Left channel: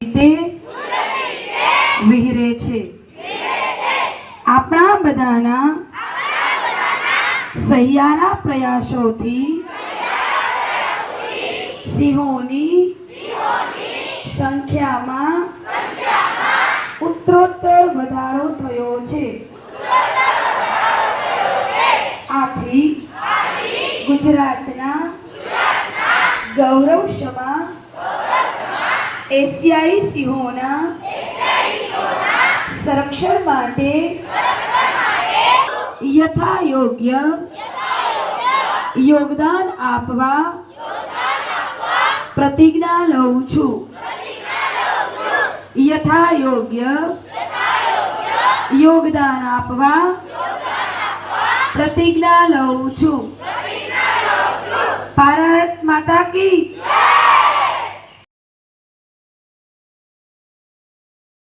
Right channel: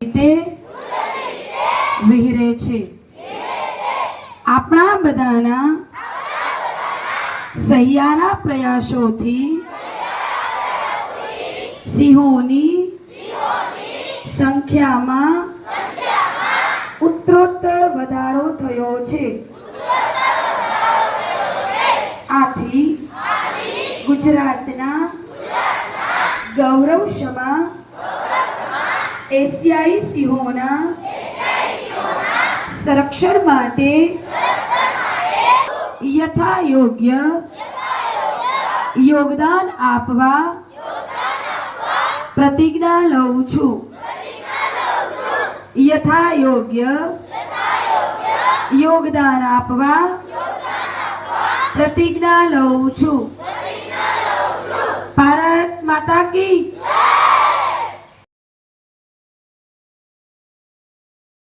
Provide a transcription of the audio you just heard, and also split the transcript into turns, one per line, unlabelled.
રીતે વિહરે છે. આપણા બધાના સહિયારા પ્રયાસોથી સિંહોની સંખ્યામાં ઉત્તરોત્તર વધારો થયો છે. આથી ગુજરાતના ગૌરવક્ષમા એશિયાઈ સિંહોના સંરક્ષણ માટે યથા યોગ્ય યોગદાન આપવા પ્રતિજ્ઞા લઉં છું યથા યોગ્ય યોગદાન આપવા પ્રતિજ્ઞા લઉં છું ભારત માતા કી